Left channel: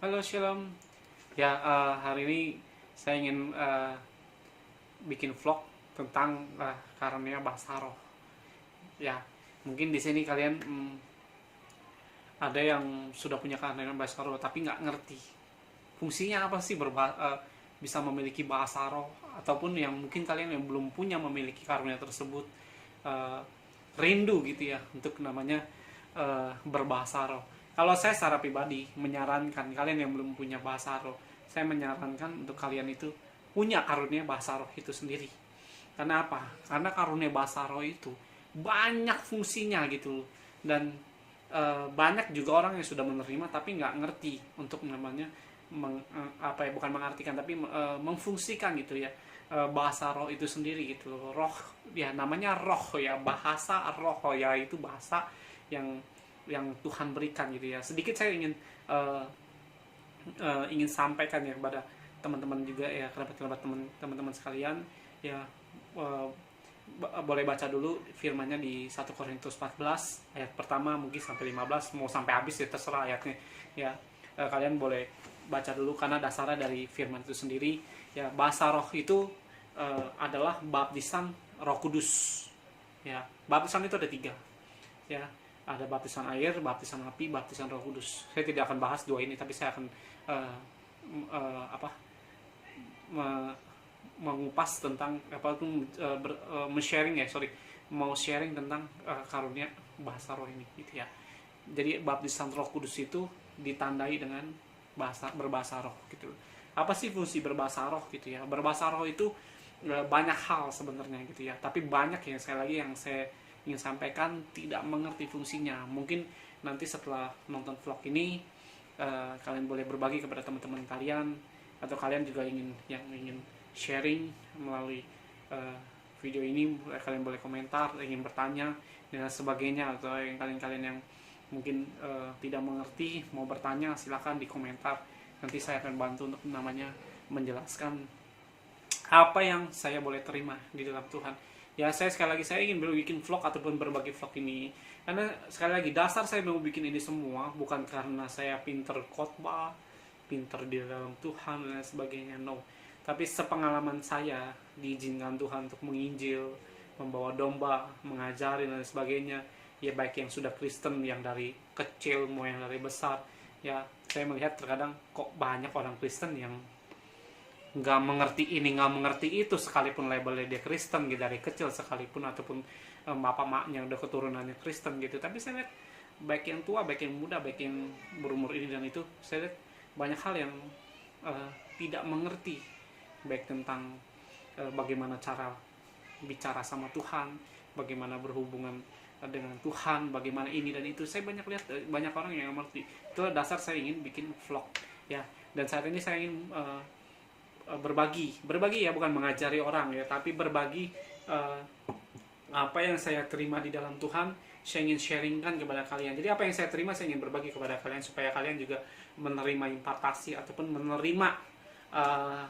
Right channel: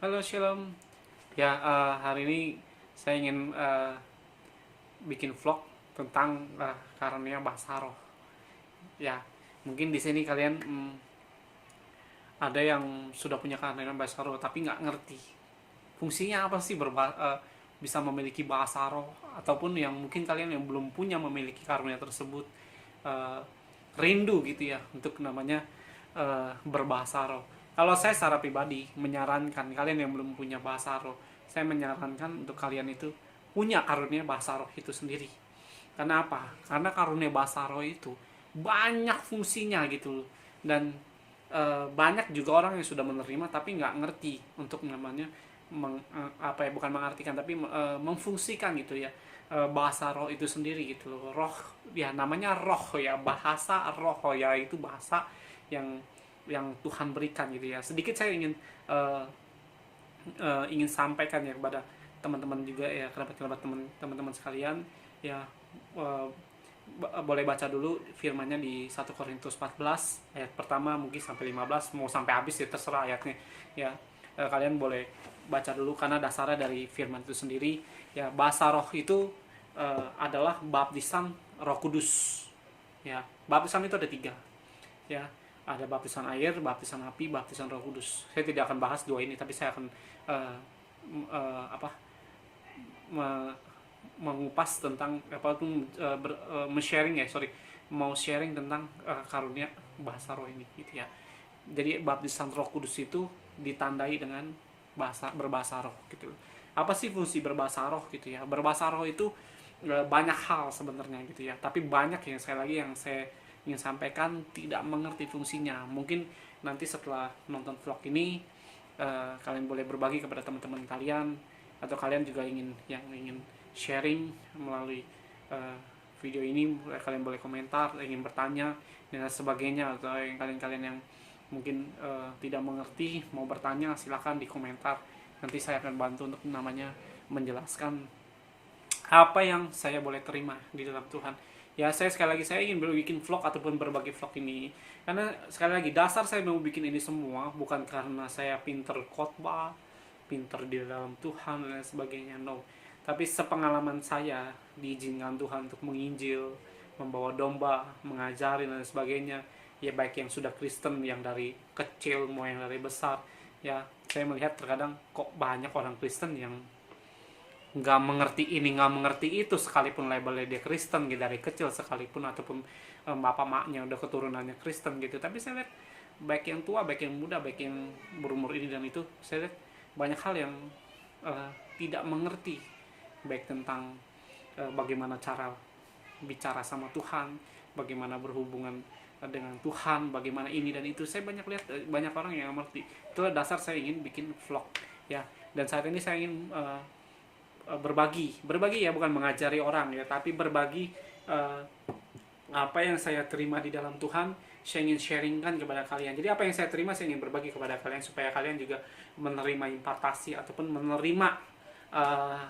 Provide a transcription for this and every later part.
Halo Shalom. Ya, hari ini saya ingin bikin vlog tentang karunia bahasa roh. Ya, mungkin di sini kalian ada yang sudah punya karunia bahasa roh tapi nggak ngerti fungsinya apa sih bisa memiliki bahasa roh, ataupun yang mungkin kalian yang belum punya memiliki karunia tersebut, eh, rindu gitu ya untuk namanya berbahasa roh. Kalau saya secara pribadi menyarankan kalian yang belum punya bahasa roh, saya menyarankan untuk kalian itu punya karunia bahasa roh itu sendiri. Karena apa? Karena karunia bahasa roh itu banyak fungsinya gitu, dan banyak juga orang yang sudah menerima tapi nggak ngerti untuk namanya apa ya, bukan mengartikan tapi memfungsikan gitu ya, bahasa roh itu sendiri gitu loh. Roh ya, namanya roh ya, bahasa roh ya, itu bahasa yang Tuhan berikan gitu ya. Sedikit saya ingin sampaikan ya kepada teman-teman juga ya, kerabat-kerabat teman-teman sekalian ya. eh, Boleh baca dulu firmannya di 1 Korintus 14 ayat pertama mungkin sampai 15, mau sampai habis ya terserah ayatnya ya. Kalian boleh baca dulu karena dasarnya dari firman itu sendiri ya. Bahasa roh itu adalah baptisan Roh Kudus ya. Baptisan itu ada tiga ya, ada baptisan air, baptisan api, baptisan Roh Kudus. Saya tidak akan bahas dua ini, tapi saya akan uh, apa mengupas tentang apa itu, sharing ya, sorry, mau sharing tentang karunia bahasa roh ini gitu ya. Jadi baptisan Roh Kudus itu ditandai dengan berbahasa roh gitu. Apa sih fungsi berbahasa roh gitu ya? Berbahasa roh itu banyak hal sebenarnya gitu ya, tapi banyak yang saya ingin sampaikan tidak mengerti fungsinya. Mungkin nanti setelah nonton vlog ini kalian boleh berbagi kepada teman-teman kalian, atau kalian juga ingin sharing melalui uh, video ini. Kalian boleh komentar, ingin bertanya dan sebagainya, atau yang kalian yang mungkin tidak mengerti mau bertanya, silahkan di komentar. Nanti saya akan bantu untuk namanya menjelaskan apa yang saya boleh terima di dalam Tuhan. Ya, saya sekali lagi saya ingin bikin vlog ataupun berbagi vlog ini karena sekali lagi dasar saya mau bikin ini semua bukan karena saya pinter khotbah, pinter di dalam Tuhan dan sebagainya, no. Tapi sepengalaman saya diizinkan Tuhan untuk menginjil, membawa domba, mengajari dan sebagainya. Ya, baik yang sudah Kristen, yang dari kecil mau yang dari besar. Ya, saya melihat terkadang kok banyak orang Kristen yang nggak mengerti ini, nggak mengerti itu, sekalipun labelnya dia Kristen gitu dari kecil sekalipun, ataupun bapak maknya udah keturunannya Kristen gitu. Tapi saya lihat baik yang tua, baik yang muda, baik yang berumur ini dan itu, saya lihat banyak hal yang uh, tidak mengerti, baik tentang bagaimana cara bicara sama Tuhan, bagaimana berhubungan dengan Tuhan, bagaimana ini dan itu. Saya banyak lihat banyak orang yang mengerti. Itu dasar saya ingin bikin vlog ya. Dan saat ini saya ingin berbagi ya, bukan mengajari orang ya, tapi berbagi uh, apa yang saya terima di dalam Tuhan. Saya ingin sharingkan kepada kalian. Jadi apa yang saya terima saya ingin berbagi kepada kalian, supaya kalian juga menerima impartasi ataupun menerima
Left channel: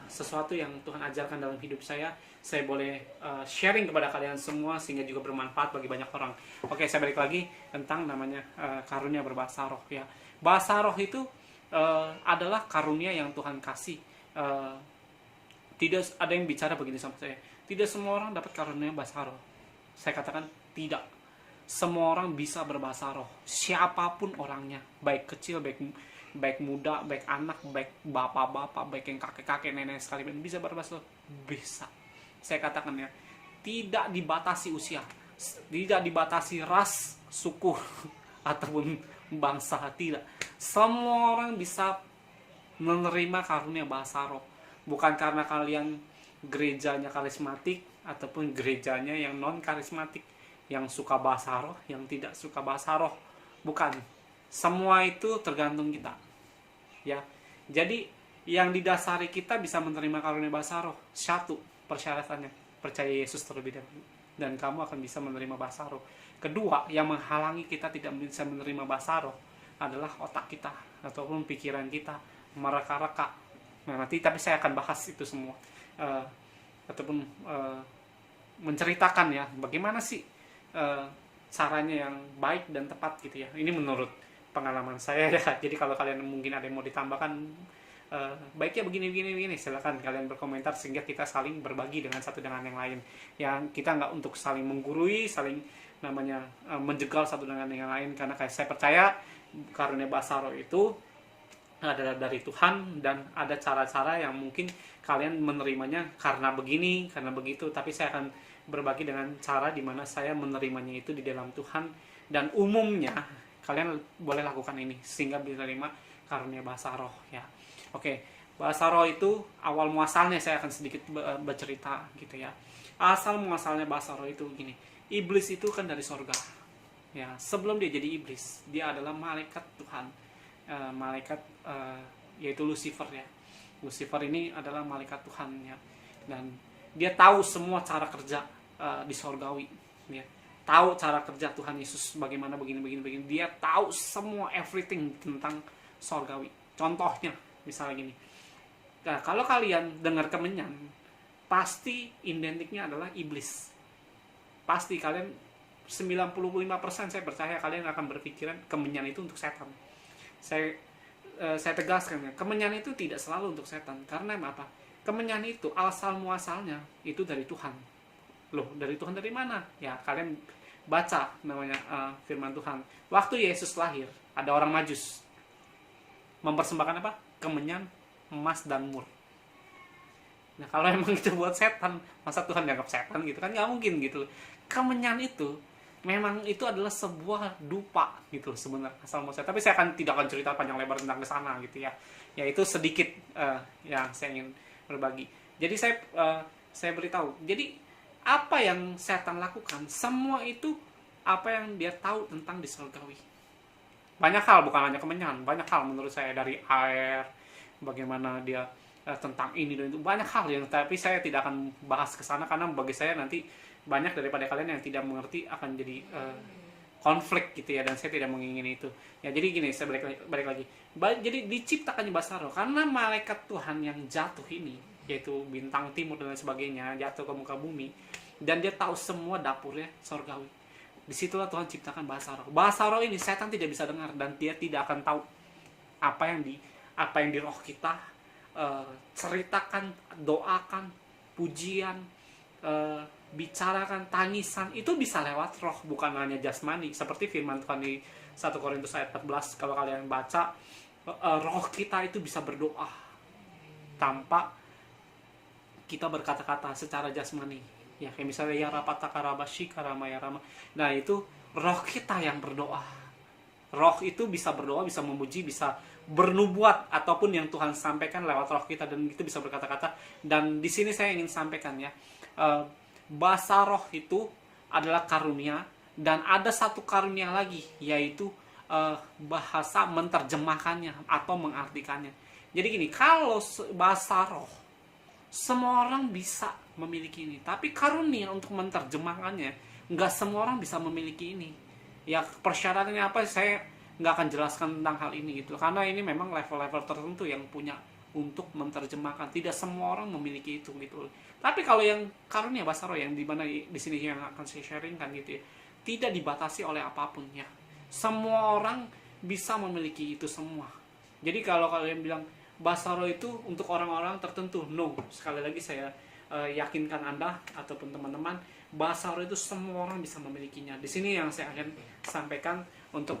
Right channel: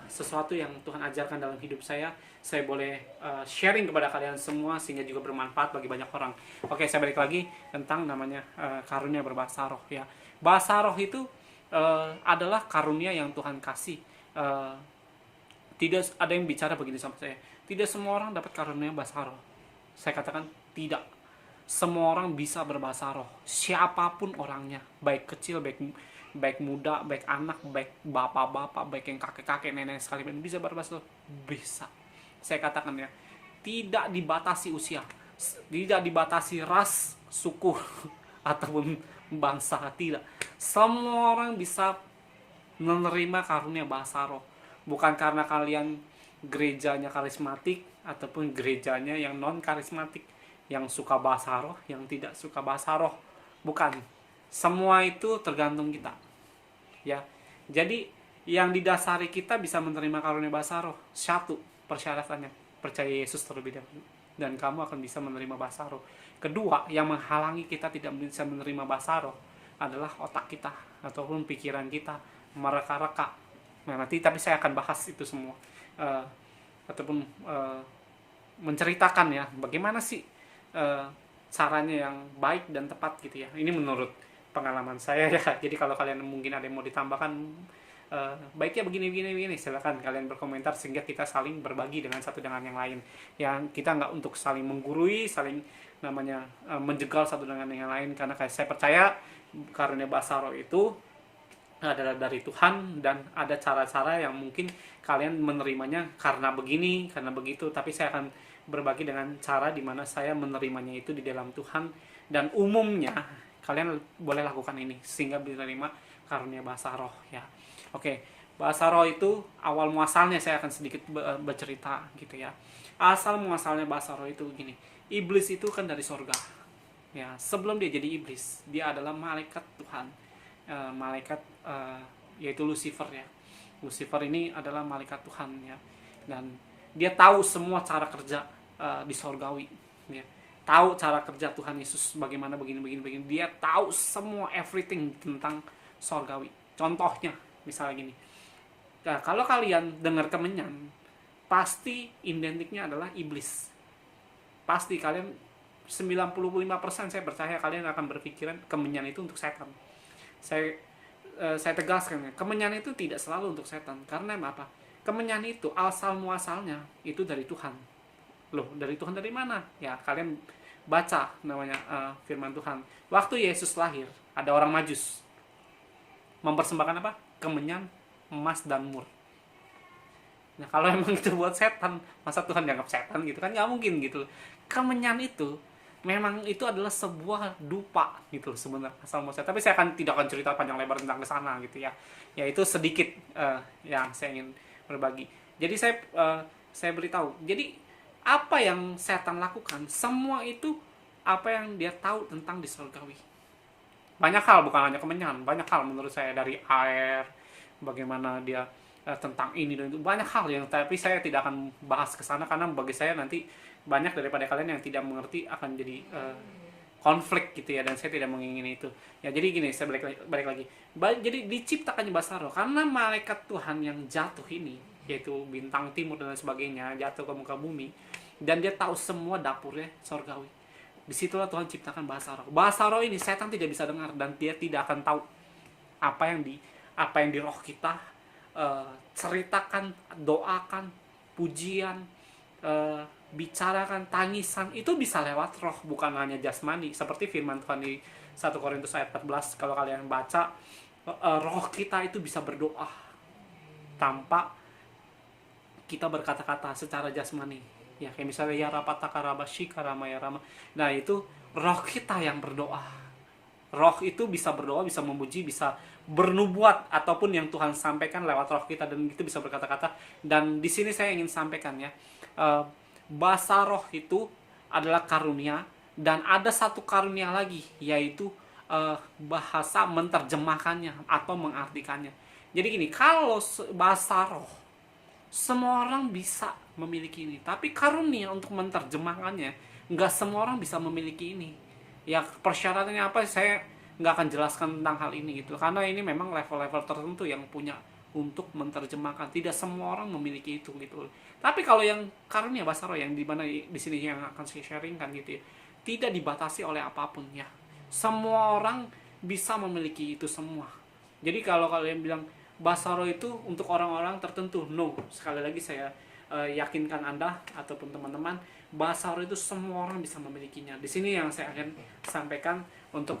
sesuatu yang Tuhan ajarkan dalam hidup saya. Saya boleh sharing kepada kalian semua sehingga juga bermanfaat bagi banyak orang. Oke, saya balik lagi tentang namanya karunia berbahasa roh ya. Bahasa roh itu adalah karunia yang Tuhan kasih. Tidak ada yang bicara begini sama saya, tidak semua orang dapat karunia bahasa roh. Saya katakan tidak. Semua orang bisa berbahasa roh, siapapun orangnya, baik kecil, baik muda, baik anak, baik bapak-bapak, baik yang kakek-kakek, nenek sekalipun bisa berbahasa roh. Bisa. Saya katakan ya, tidak dibatasi usia, tidak dibatasi ras, suku ataupun bangsa, tidak. Semua orang bisa menerima karunia bahasa roh. Bukan karena kalian gerejanya karismatik ataupun gerejanya yang non karismatik, yang suka bahasa roh, yang tidak suka bahasa roh. Bukan. Semua itu tergantung kita. Ya. Jadi yang didasari kita bisa menerima karunia bahasa roh, satu persyaratannya, percaya Yesus terlebih dahulu, dan kamu akan bisa menerima bahasa roh. Kedua, yang menghalangi kita tidak bisa menerima bahasa roh adalah otak kita ataupun pikiran kita mereka-reka. Nah, nanti tapi saya akan bahas itu semua, uh, ataupun menceritakan ya bagaimana sih caranya yang baik dan tepat gitu ya. Ini menurut pengalaman saya ya. Jadi kalau kalian mungkin ada yang mau ditambahkan, baiknya begini, silakan kalian berkomentar sehingga kita saling berbagi dengan satu dengan yang lain. Yang kita nggak untuk saling menggurui, saling namanya menjegal satu dengan yang lain, karena kayak saya percaya karunia bahasa roh itu adalah dari Tuhan, dan ada cara-cara yang mungkin kalian menerimanya karena begini, karena begitu, tapi saya akan berbagi dengan cara dimana saya menerimanya itu di dalam Tuhan, dan umumnya kalian boleh lakukan ini sehingga menerima karunia bahasa roh ya. Oke, bahasa roh itu awal muasalnya saya akan sedikit bercerita gitu ya. Asal muasalnya bahasa roh itu gini, iblis itu kan dari sorga ya. Sebelum dia jadi iblis, dia adalah malaikat Tuhan, malaikat yaitu Lucifer ya. Lucifer ini adalah malaikat Tuhan ya, dan dia tahu semua cara kerja di sorgawi ya. Tahu cara kerja Tuhan Yesus bagaimana, begini. Dia tahu semua everything tentang sorgawi. Contohnya misalnya gini, nah, kalau kalian dengar kemenyan, pasti identiknya adalah iblis. Pasti kalian 95% saya percaya kalian akan berpikiran kemenyan itu untuk setan. Saya tegaskan ya, kemenyan itu tidak selalu untuk setan. Karena apa? Kemenyan itu asal muasalnya itu dari Tuhan. Loh, dari Tuhan dari mana? Ya, kalian baca namanya firman Tuhan. Waktu Yesus lahir, ada orang Majus mempersembahkan apa? Kemenyan, emas dan mur. Nah, kalau emang itu buat setan, masa Tuhan dianggap setan gitu kan? Nggak mungkin gitu. Kemenyan itu memang itu adalah sebuah dupa gitu sebenarnya asal muasalnya. Tapi saya tidak akan cerita panjang lebar tentang kesana gitu ya. Ya itu sedikit yang saya ingin berbagi. Jadi saya beritahu. Jadi apa yang setan lakukan, semua itu apa yang dia tahu tentang di surgawi. Banyak hal, bukan hanya kemenyan, banyak hal menurut saya, dari air, bagaimana dia tentang ini dan itu, banyak hal yang, tapi saya tidak akan bahas ke sana karena bagi saya nanti banyak daripada kalian yang tidak mengerti akan jadi konflik gitu ya, dan saya tidak menginginkan itu. Ya jadi gini, saya balik lagi. Jadi diciptakannya bahasa roh karena malaikat Tuhan yang jatuh ini, yaitu bintang timur dan sebagainya, jatuh ke muka bumi, dan dia tahu semua dapurnya sorgawi. Disitulah Tuhan ciptakan bahasa roh. Bahasa roh ini setan tidak bisa dengar, dan dia tidak akan tahu apa yang di roh kita ceritakan, doakan, pujian, bicarakan, tangisan, itu bisa lewat roh, bukan hanya jasmani. Seperti firman Tuhan di 1 Korintus ayat 14, kalau kalian baca, roh kita itu bisa berdoa tanpa kita berkata-kata secara jasmani. Ya, kayak misalnya ya rapataka rabashi karama ya rama. Nah, itu roh kita yang berdoa. Roh itu bisa berdoa, bisa memuji, bisa bernubuat, ataupun yang Tuhan sampaikan lewat roh kita, dan itu bisa berkata-kata. Dan di sini saya ingin sampaikan ya, bahasa roh itu adalah karunia, dan ada satu karunia lagi, yaitu bahasa menerjemahkannya atau mengartikannya. Jadi gini, kalau bahasa roh semua orang bisa memiliki ini, tapi karunia untuk menerjemahkannya nggak semua orang bisa memiliki ini. Ya persyaratannya apa, saya nggak akan jelaskan tentang hal ini gitu, karena ini memang level-level tertentu yang punya untuk menerjemahkan. Tidak semua orang memiliki itu gitu. Tapi kalau yang karunia bahasa roh yang di mana di sini yang akan saya sharingkan gitu ya, tidak dibatasi oleh apapun ya. Semua orang bisa memiliki itu semua. Jadi kalau kalian bilang bahasa roh itu untuk orang-orang tertentu, no. Sekali lagi saya yakinkan Anda ataupun teman-teman, bahasa roh itu semua orang bisa memilikinya. Di sini yang saya akan sampaikan untuk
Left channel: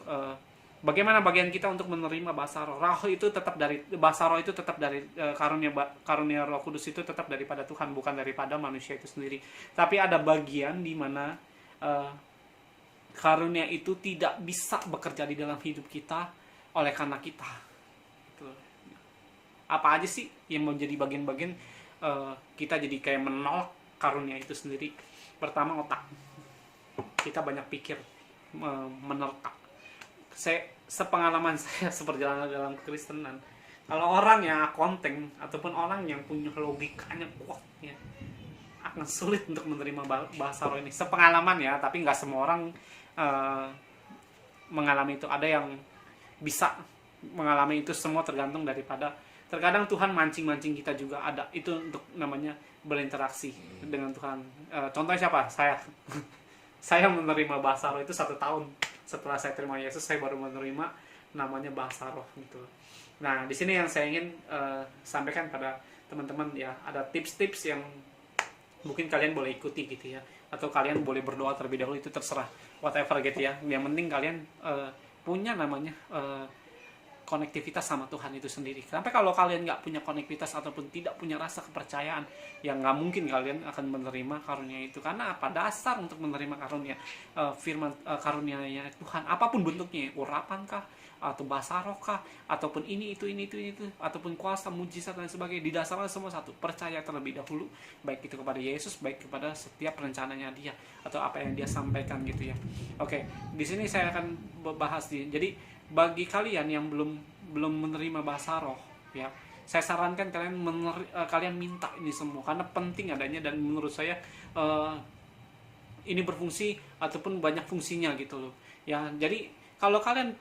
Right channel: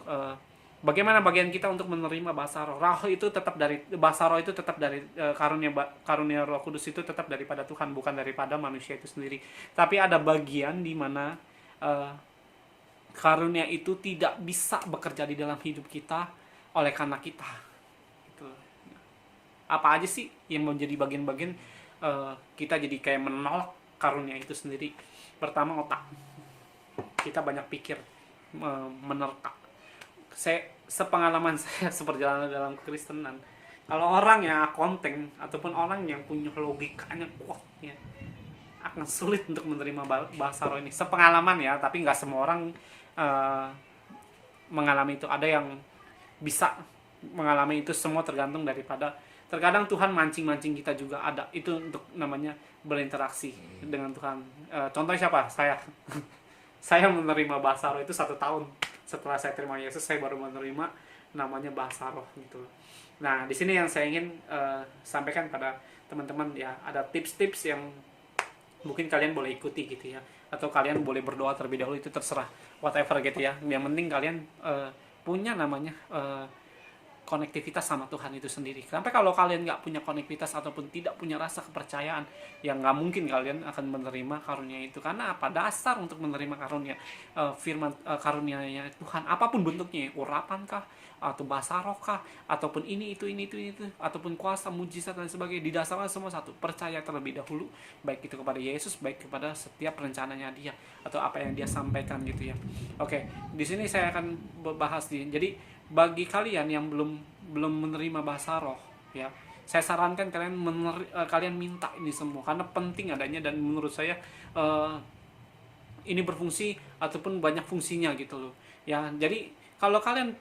bagaimana bagian kita untuk menerima bahasa roh. Bahasa roh itu tetap dari karunia Roh Kudus itu tetap daripada Tuhan, bukan daripada manusia itu sendiri. Tapi ada bagian di mana karunia itu tidak bisa bekerja di dalam hidup kita oleh karena kita. Gitu. Apa aja sih yang menjadi bagian-bagian kita jadi kayak menolak karunia itu sendiri? Pertama, otak. Kita banyak pikir, menerka. Sepengalaman saya seperjalanan dalam kekristenan, kalau orang yang akunting ataupun orang yang punya logikanya kuat ya, akan sulit untuk menerima bahasa roh ini. Sepengalaman ya, tapi nggak semua orang mengalami itu. Ada yang bisa mengalami itu, semua tergantung daripada, terkadang Tuhan mancing-mancing kita juga ada. Itu untuk namanya berinteraksi dengan Tuhan. Contohnya siapa? Saya menerima bahasa roh itu 1 tahun setelah saya terima Yesus. Saya baru menerima namanya bahasa roh gitu. Nah, di sini yang saya ingin sampaikan pada teman-teman ya, ada tips-tips yang mungkin kalian boleh ikuti gitu ya, atau kalian boleh berdoa terlebih dahulu, itu terserah, whatever gitu ya. Yang penting kalian punya namanya konektivitas sama Tuhan itu sendiri. Sampai kalau kalian nggak punya konektivitas ataupun tidak punya rasa kepercayaan, yang nggak mungkin kalian akan menerima karunia itu. Karena apa? Dasar untuk menerima karunia firman karunia-nya Tuhan, apapun bentuknya, urapan kah, atau bahasa roh kah, ataupun ini itu, ataupun kuasa, mujizat dan sebagainya, didasarkan semua satu, percaya terlebih dahulu, baik itu kepada Yesus, baik kepada setiap rencananya Dia atau apa yang Dia sampaikan gitu ya. Oke, di sini saya akan bahas nih. Jadi bagi kalian yang belum menerima bahasa roh ya, saya sarankan kalian minta ini semua, karena penting adanya, dan menurut saya ini berfungsi ataupun banyak fungsinya gitu loh ya. Jadi kalau kalian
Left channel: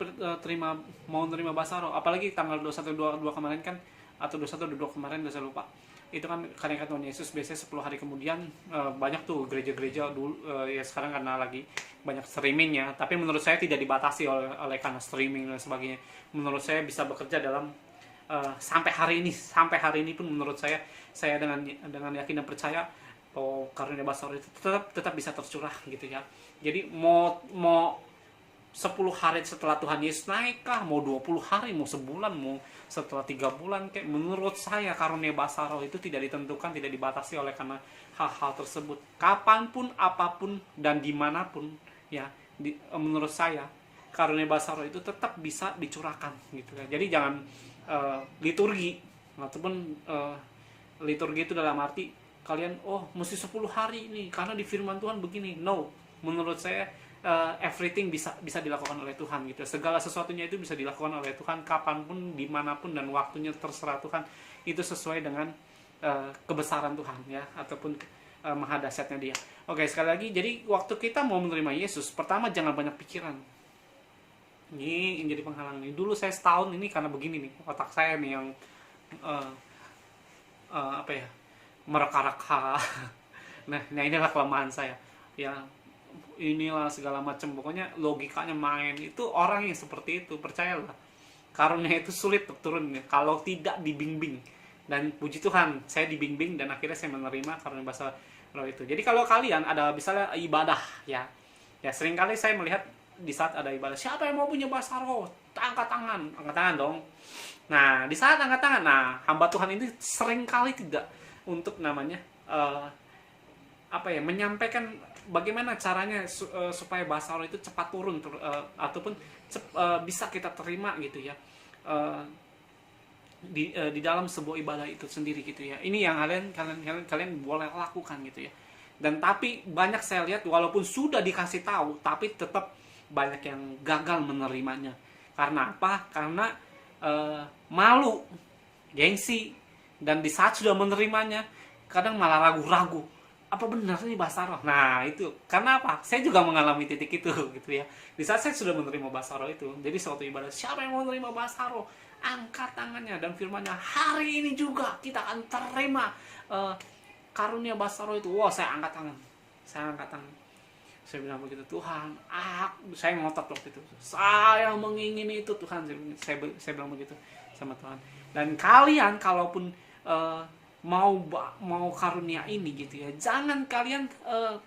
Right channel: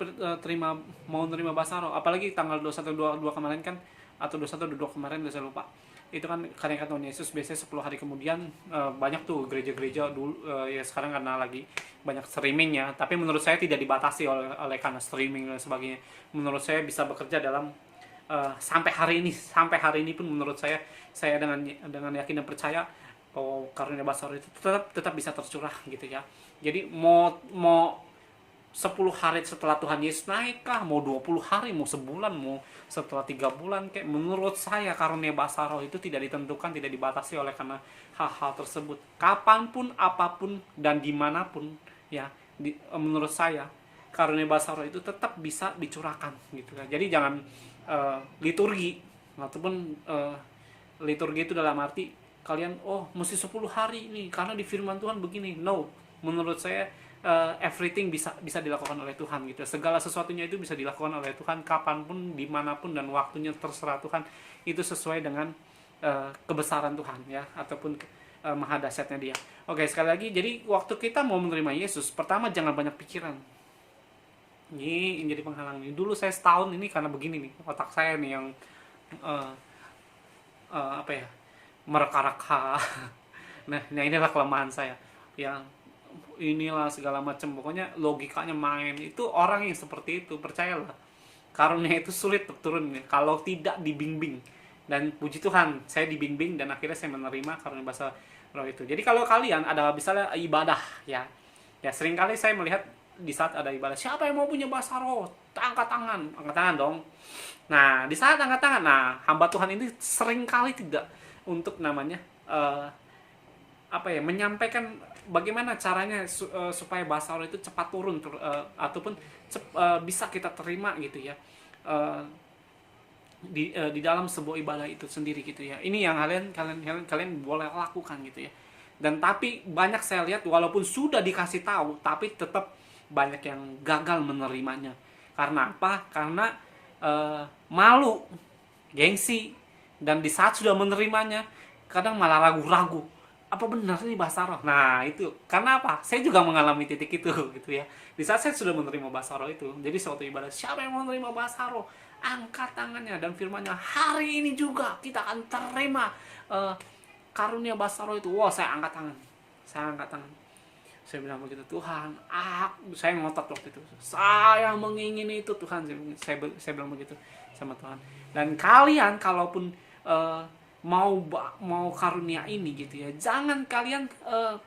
mau menerima bahasa roh, apalagi tanggal 21-22 kemarin kan, atau 21-22 kemarin, saya lupa, itu kan kenaikan Tuhan Yesus, biasanya 10 hari kemudian banyak tuh gereja-gereja dulu ya, sekarang karena lagi banyak streaming ya, tapi menurut saya tidak dibatasi oleh karena streaming dan sebagainya. Menurut saya bisa bekerja dalam sampai hari ini pun menurut saya dengan yakin dan percaya bahwa karunia bahasa roh itu tetap bisa tercurah gitu ya. Jadi mau 10 hari setelah Tuhan Yesus naik kah, mau 20 hari, mau sebulan, mau setelah 3 bulan, kayak menurut saya karunia bahasa roh itu tidak ditentukan, tidak dibatasi oleh karena hal-hal tersebut. Kapanpun, apapun, dan dimanapun ya, menurut saya karunia bahasa roh itu tetap bisa dicurahkan gitu kan. Jadi jangan liturgi, ataupun liturgi itu dalam arti kalian mesti 10 hari nih karena di firman Tuhan begini. No, menurut saya everything bisa dilakukan oleh Tuhan gitu. Segala sesuatunya itu bisa dilakukan oleh Tuhan kapanpun, dimanapun, dan waktunya terserah Tuhan. Itu sesuai dengan kebesaran Tuhan ya, ataupun maha dahsyatnya Dia. Oke, sekali lagi, jadi waktu kita mau menerima Yesus, pertama jangan banyak pikiran. Ini yang jadi penghalang nih. Dulu saya setahun ini karena begini nih, otak saya nih yang mereka-reka. Nah inilah kelemahan saya ya, inilah segala macam, pokoknya logikanya main. Itu orang yang seperti itu, percayalah, karunia itu sulit untuk turun nih kalau tidak dibimbing. Dan puji Tuhan, saya dibimbing dan akhirnya saya menerima karunia bahasa roh itu. Jadi kalau kalian ada misalnya ibadah ya seringkali saya melihat di saat ada ibadah, siapa yang mau punya bahasa roh, angkat tangan dong. Nah di saat angkat tangan, hamba Tuhan ini seringkali tidak untuk namanya menyampaikan bagaimana caranya supaya bahasa roh itu cepat turun ataupun bisa kita terima gitu ya di dalam sebuah ibadah itu sendiri gitu ya. Ini yang kalian boleh lakukan gitu ya. Dan tapi banyak saya lihat walaupun sudah dikasih tahu tapi tetap banyak yang gagal menerimanya. Karena apa? Karena malu, gengsi, dan di saat sudah menerimanya kadang malah ragu-ragu, apa benar ini bahasa roh? Nah itu karena apa? Saya juga mengalami titik itu gitu ya. Di saat saya sudah menerima bahasa roh itu, jadi suatu ibadah, siapa yang mau menerima bahasa roh, angkat tangannya, dan firman-Nya, hari ini juga kita akan terima karunia bahasa roh itu. Wah, saya angkat tangan. Saya bilang begitu, Tuhan, saya ngotot waktu itu, saya mengingini itu Tuhan. Saya bilang begitu sama Tuhan. Dan kalian kalaupun mau karunia ini gitu ya, jangan kalian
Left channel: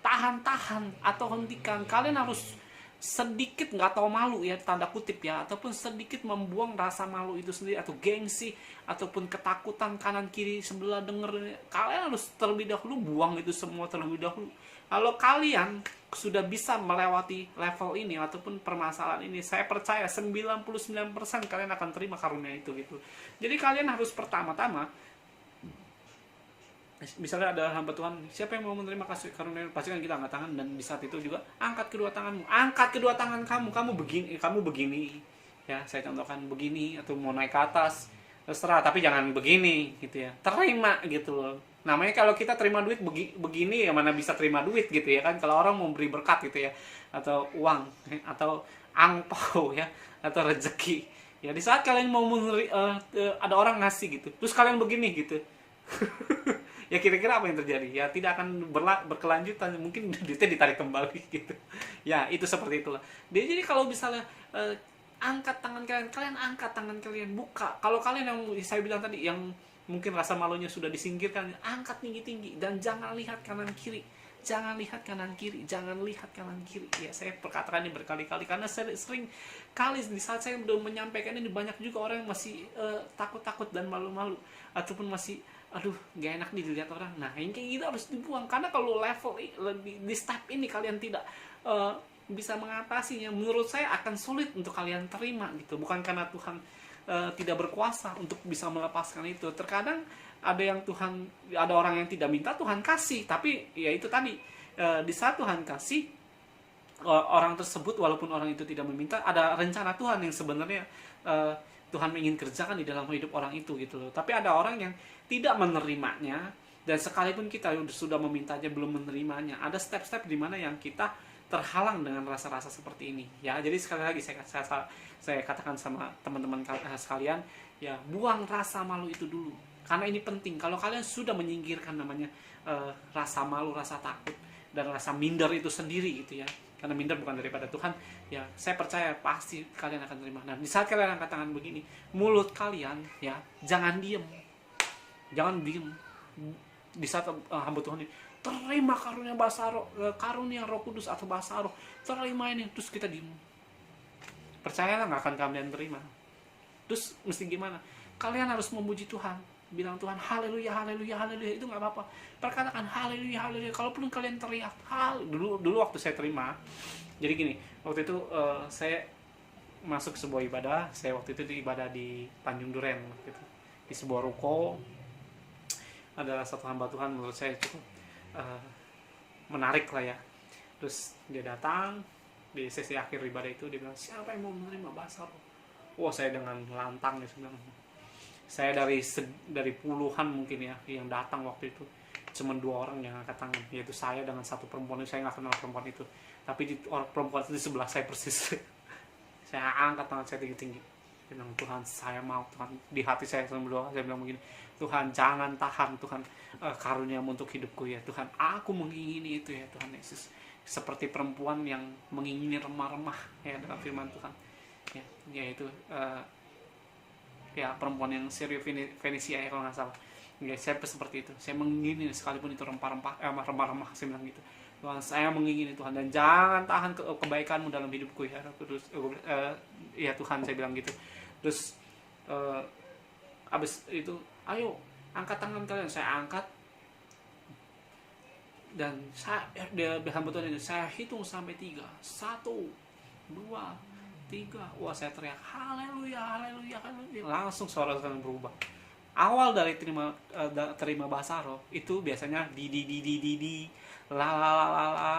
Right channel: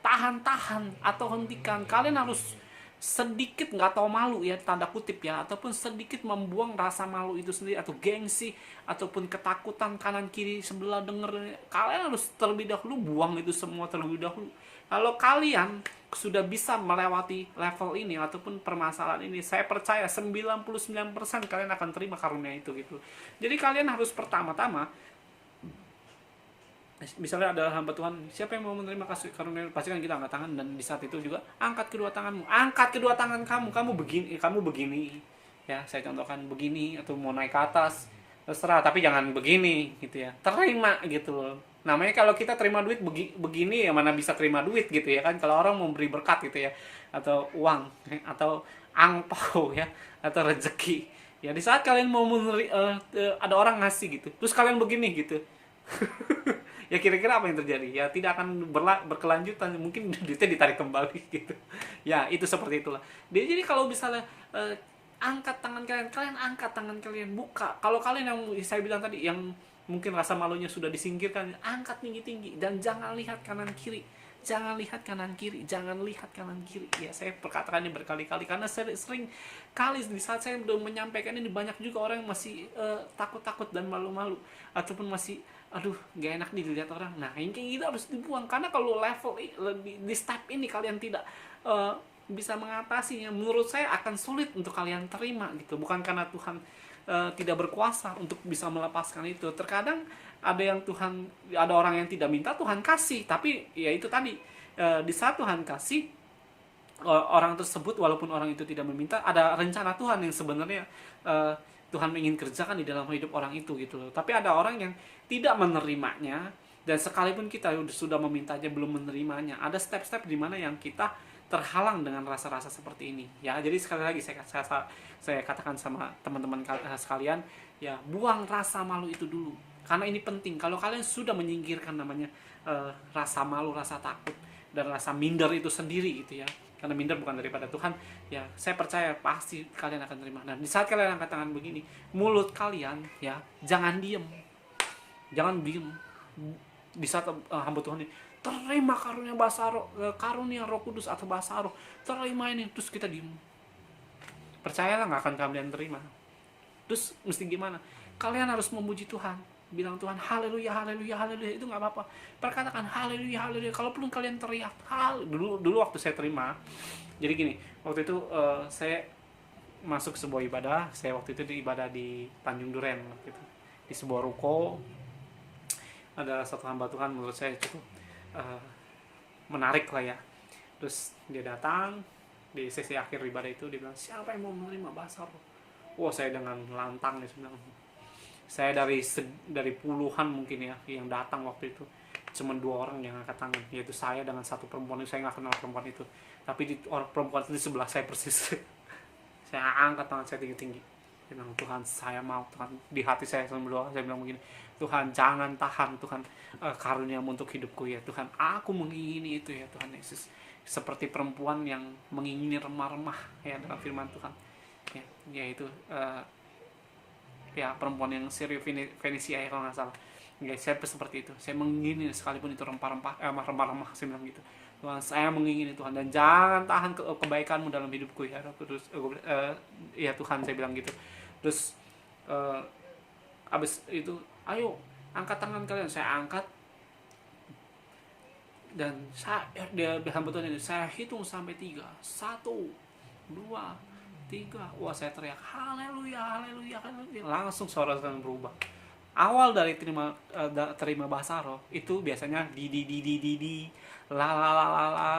tahan atau hentikan. Kalian harus sedikit, nggak tahu malu ya, tanda kutip ya, ataupun sedikit membuang rasa malu itu sendiri, atau gengsi, ataupun ketakutan kanan kiri sebelah denger. Kalian harus terlebih dahulu buang itu semua terlebih dahulu. Kalau kalian sudah bisa melewati level ini ataupun permasalahan ini, saya percaya 99% kalian akan terima karunia itu gitu. Jadi kalian harus pertama-tama, misalnya ada hamba Tuhan, siapa yang mau menerima karunia, pasti kan kita angkat tangan. Dan di saat itu juga angkat kedua tangan kamu begini ya, saya contohkan begini, atau mau naik ke atas terserah, tapi jangan begini gitu ya, terima gitu. Namanya kalau kita terima duit begini ya, mana bisa terima duit gitu ya kan. Kalau orang mau beri berkat gitu ya, atau uang atau angpau ya, atau rezeki ya, di saat kalian mau ada orang ngasih gitu, terus kalian begini gitu ya, kira-kira apa yang terjadi? Ya tidak akan berkelanjutan, mungkin duitnya ditarik kembali gitu ya. Itu seperti itulah. Jadi kalau misalnya angkat tangan kalian, kalian angkat tangan kalian, buka. Kalau kalian yang saya bilang tadi, yang mungkin rasa malunya sudah disingkirkan, angkat tinggi-tinggi dan jangan lihat kanan kiri. Jangan lihat kanan kiri, jangan lihat kanan kiri. Ya, saya perkatakan ini berkali-kali karena sering kali di saat saya belum menyampaikan ini, banyak juga orang yang masih takut-takut dan malu-malu, ataupun masih aduh gak enak nih dilihat orang. Nah, ini kayak gitu harus dibuang, karena kalau level di step ini kalian tidak bisa mengatasinya, menurut saya akan sulit untuk kalian terima gitu. Bukan karena Tuhan tidak berkuasa untuk bisa melepaskan itu. Terkadang ada orang yang tidak minta, Tuhan kasih, tapi ya itu tadi, di saat Tuhan kasih, orang tersebut walaupun orang itu tidak meminta, ada rencana Tuhan yang sebenarnya Tuhan ingin kerjakan di dalam hidup orang itu gitu loh. Tapi ada orang yang tidak menerimanya, dan sekalipun kita sudah memintanya belum menerimanya. Ada step-step di mana yang kita terhalang dengan rasa-rasa seperti ini ya. Jadi sekali lagi saya katakan sama teman-teman sekalian, ya, buang rasa malu itu dulu, karena ini penting. Kalau kalian sudah menyingkirkan namanya rasa malu, rasa takut, dan rasa minder itu sendiri gitu ya, karena minder bukan daripada Tuhan, ya saya percaya pasti kalian akan terima. Nah, di saat kalian angkat tangan begini, mulut kalian ya jangan diem. Di saat hamba Tuhan ini terima karunia Basaro, karunia Roh Kudus atau Basaro, terima ini, terus kita diem, percayalah nggak akan kalian terima. Terus mesti gimana? Kalian harus memuji Tuhan, bilang Tuhan haleluya, haleluya, haleluya. Itu nggak apa-apa, perkatakan haleluya, haleluya. Kalaupun kalian teriak dulu waktu saya terima, jadi gini, waktu itu saya masuk sebuah ibadah. Saya waktu itu di ibadah di Tanjung Duren gitu, di sebuah ruko. Ada satu hamba Tuhan, menurut saya cukup menarik lah ya. Terus dia datang di sesi akhir ibadah itu, dia bilang, siapa yang mau menerima bahasa roh? Wah, saya dengan lantang nih bilang, saya dari puluhan mungkin ya yang datang waktu itu, cuma 2 orang yang angkat tangan, yaitu saya dengan satu perempuan. Saya nggak kenal perempuan itu, tapi orang perempuan itu di sebelah saya persis. Saya angkat tangan saya tinggi-tinggi, bilang, Tuhan saya mau, Tuhan. Di hati saya selalu berdoa, saya bilang begini, Tuhan jangan tahan, Tuhan karuniamu untuk hidupku ya Tuhan, aku mengingini itu ya Tuhan Yesus, seperti perempuan yang mengingini remah-remah ya dalam firman Tuhan ya, yaitu ya perempuan yang Syria Fenisia ya kalau nggak salah. Ya, saya seperti itu, saya mengingini sekalipun itu remah-remah, saya bilang gitu, Tuhan saya mengingini Tuhan, dan jangan tahan kebaikanmu dalam hidupku ya terus ya Tuhan, saya bilang gitu. Terus abis itu, ayo angkat tangan kalian. Saya angkat, dan dia hamba Tuhan ini, saya hitung sampai 3, 1, 2, 3. Wah, saya teriak haleluya, haleluya, haleluya. Langsung suara Tuhan berubah. Awal dari terima bahasa roh itu biasanya di la la la la la,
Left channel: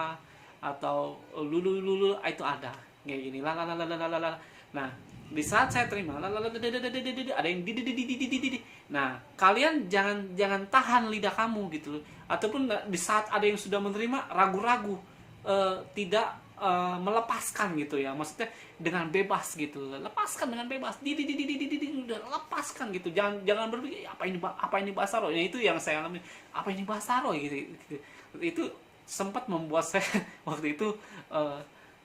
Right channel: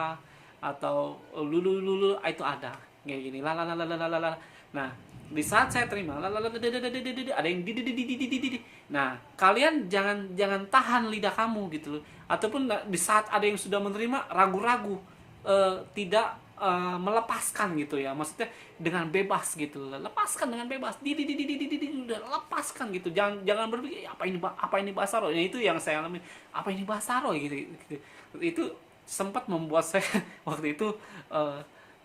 atau lulu itu ada kayak gini, la la la la la la. Nah, di saat saya terima la la la, ada yang di. Nah, kalian jangan tahan lidah kamu gitu, ataupun di saat ada yang sudah menerima ragu-ragu, tidak melepaskan gitu ya, maksudnya dengan bebas gitu, lepaskan dengan bebas, lepaskan gitu, jangan berpikir apa ini bahasa roh. Ya, itu yang saya alami, apa ini bahasa roh gitu. Itu sempat membuat saya waktu itu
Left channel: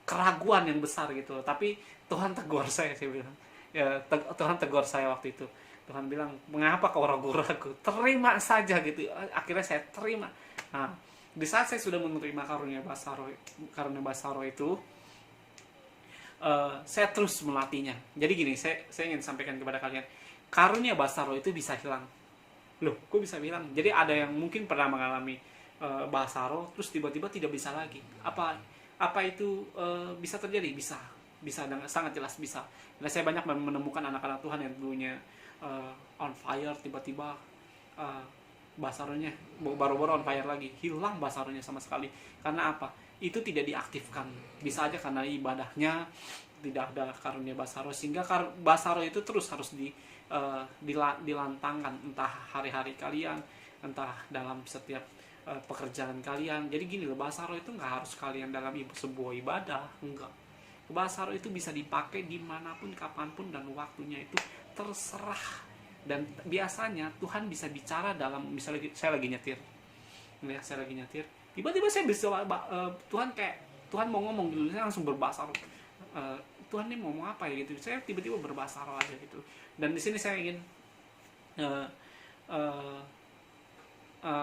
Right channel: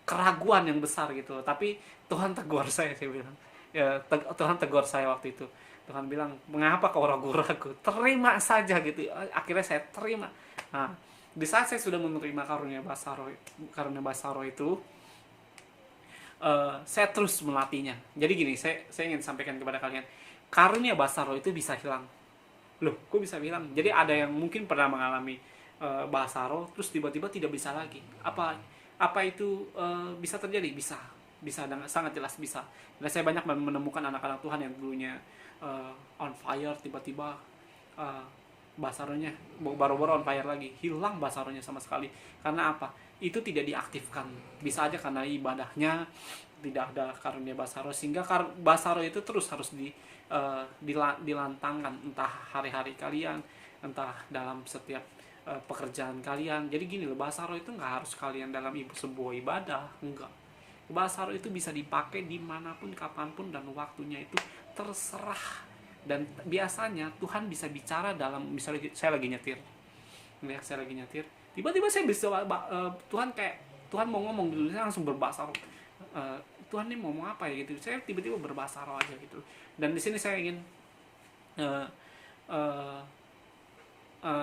keraguan yang besar gitu, tapi Tuhan tegur saya bilang ya, Tuhan tegur saya waktu itu. Tuhan bilang, mengapa kau ragu-ragu? Terima saja gitu. Akhirnya saya terima. Nah, di saat saya sudah menerima karunia Basaro itu, saya terus melatihnya. Jadi gini, saya ingin sampaikan kepada kalian, karunia Basaro itu bisa hilang. Loh, kok bisa hilang? Jadi ada yang mungkin pernah mengalami Basaro, terus tiba-tiba tidak bisa lagi. Apa itu bisa terjadi? Bisa dengan sangat jelas bisa. Nah, saya banyak menemukan anak-anak Tuhan yang dulunya on fire, tiba-tiba basaronya baru-baru on fire lagi, hilang basaronya sama sekali. Karena apa? Itu tidak diaktifkan. Bisa aja karena ibadahnya tidak ada karunia basaro, sehingga basaro itu terus harus dilantangkan, entah hari-hari kalian, entah dalam setiap pekerjaan kalian. Jadi gini loh, basaro itu nggak harus kalian dalam sebuah ibadah, enggak. Basaro itu bisa dipakai dimanapun, kapanpun, dan waktunya itu terserah. Dan biasanya Tuhan bisa bicara dalam, misalnya saya lagi nyetir, tiba-tiba saya bisa Tuhan mau ngomong dulu, saya langsung berbahasa Tuhan ini mau ngomong apa ya gitu, saya tiba-tiba berbahasa roh aja gitu. Dan di sini saya ingin uh, uh,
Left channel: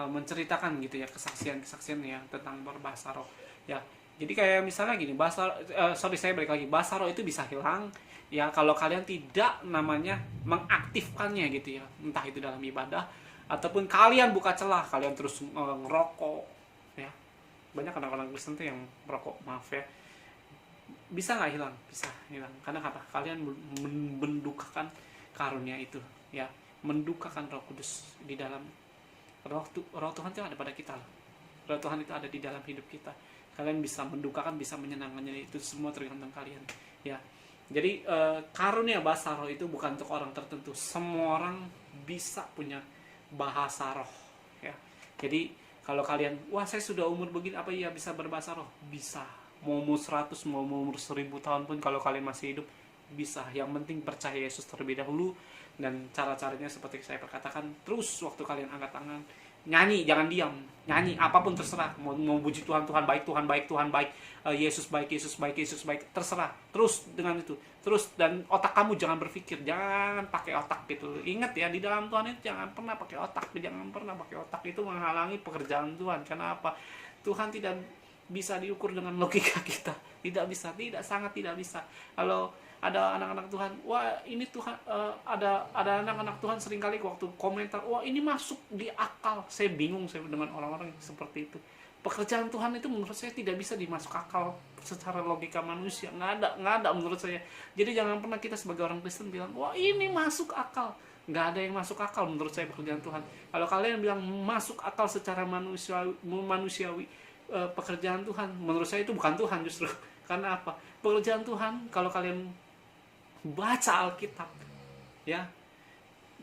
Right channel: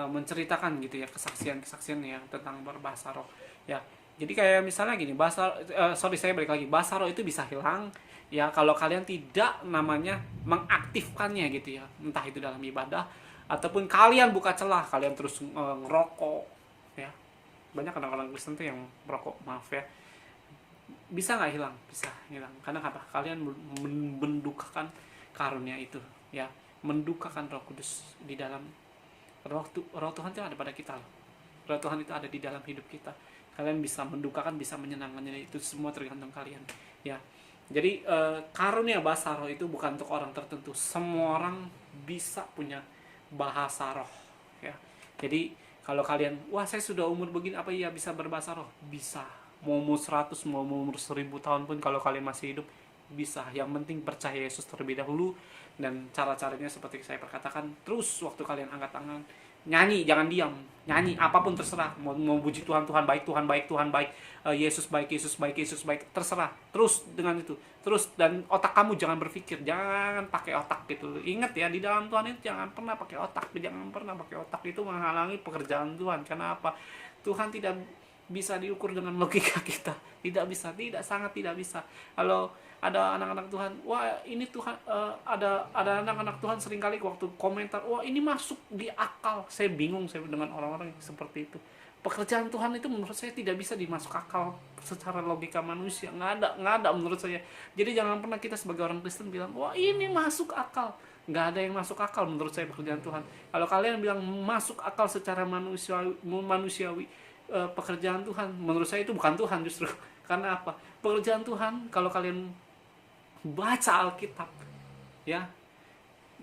menceritakan gitu ya kesaksian yang tentang berbahasa roh ya. Jadi kayak misalnya gini, saya balik lagi, bahasa roh itu bisa hilang ya kalau kalian tidak namanya mengaktifkannya gitu ya, entah itu dalam ibadah ataupun kalian buka celah, kalian terus ngerokok ya. Banyak orang-orang Kristen tuh yang merokok, maaf ya. Bisa nggak hilang? Bisa hilang. Karena apa? Kalian mendukakan karunia itu ya, mendukakan Roh Kudus di dalam. Roh Tuhan itu ada pada kita loh. Roh Tuhan itu ada di dalam hidup kita. Kalian bisa mendukakan, bisa menyenangkannya, itu semua tergantung kalian ya. Jadi karunia bahasa roh itu bukan untuk orang tertentu. Semua orang bisa punya bahasa roh ya. Jadi kalau kalian, wah saya sudah umur begini, apa iya bisa berbahasa roh? Bisa. Mau umur 100, mau umur 1000 tahun pun kalau kalian masih hidup bisa. Yang penting percaya Yesus terlebih dahulu. Dan cara-caranya seperti saya perkatakan, terus waktu kalian angkat tangan, nyanyi, jangan diam, nyanyi apapun terserah, mau puji Tuhan, Tuhan baik, Tuhan baik, Tuhan baik, Yesus baik, Yesus baik, Yesus baik, terserah, terus dengan itu, terus. Dan otak kamu jangan berpikir, jangan pakai otak gitu. Ingat ya, di dalam Tuhan itu jangan pernah pakai otak, jangan pernah pakai otak, itu menghalangi pekerjaan Tuhan. Kenapa? Tuhan tidak bisa diukur dengan logika kita, tidak bisa, sangat tidak bisa. Kalau ada anak-anak Tuhan, wah ini Tuhan, ada anak-anak Tuhan seringkali waktu komentar, wah ini masuk di akal. Saya bingung saya dengan orang-orang seperti itu. Pekerjaan Tuhan itu menurut saya tidak bisa dimasuk akal secara logika manusia, nggak ada menurut saya. Jadi jangan pernah kita sebagai orang Kristen bilang, wah ini masuk akal. Nggak ada yang masuk akal menurut saya pekerjaan Tuhan. Kalau kalian bilang masuk akal secara manusiawi, pekerjaan Tuhan, menurut saya itu bukan Tuhan justru. Karena apa? Pekerjaan Tuhan, kalau kalian baca Alkitab ya,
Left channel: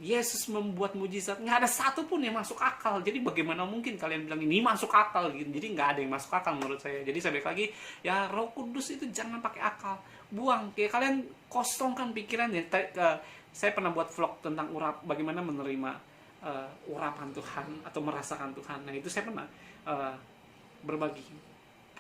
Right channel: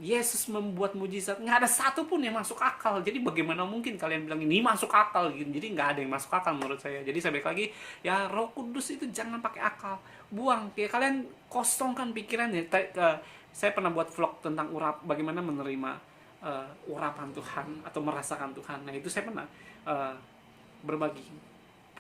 Yesus membuat mujizat, nggak ada satupun yang masuk akal. Jadi bagaimana mungkin kalian bilang ini masuk akal gitu? Jadi nggak ada yang masuk akal menurut saya. Jadi saya balik lagi ya, Roh Kudus itu jangan pakai akal, buang ya. Kalian kosongkan pikirannya. Saya pernah buat vlog tentang bagaimana menerima urapan Tuhan atau merasakan Tuhan. Nah itu saya pernah berbagi.